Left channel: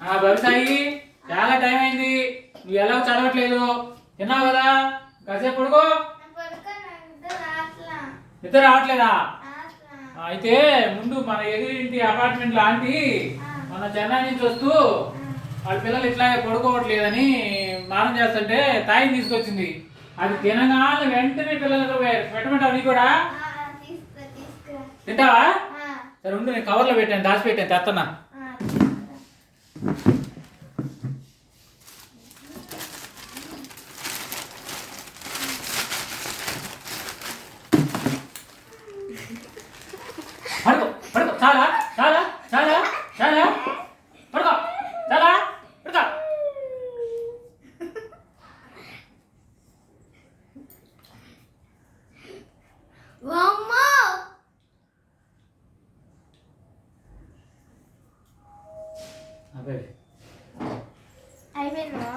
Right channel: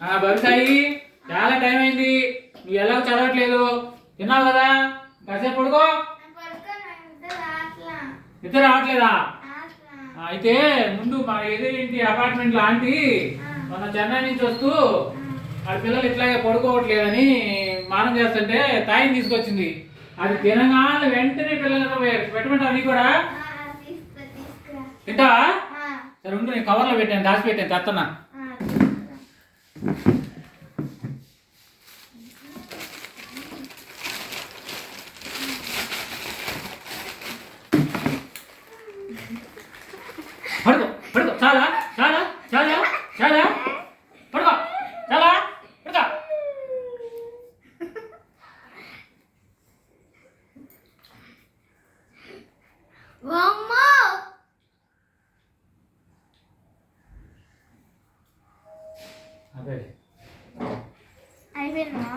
భవిసాయి చాలా టైం అయింది, నువ్వు ఎలా చదవట్లేదు, తిన్నావు కదా, కాసేపు పడుకో. నిద్ర రావట్లేదా? అయితే ముందు మన ఎదురింటి అపార్ట్మెంట్ లాంటి మన చెన్నై నుంచి వస్తూ వాళ్ళ పిల్లలు ఇట్లాగే పడుకోవట్లేదని మానం చేస్తుంటే తాయిని తీసుకొచ్చింది. అది తినగానే వెంటనే పిల్లలకు పెట్టమంటావు నీ కూడా? తింటావా? సరే ఉండు, నేను కవర్లో పెట్టాను, దాచి పెట్టాను, తెస్తున్నా. పడుకో పడుకో, చాలా చాలా చాలా చాలా పడుకో, చాలా పడుకో. అదే అయిపోయిందా?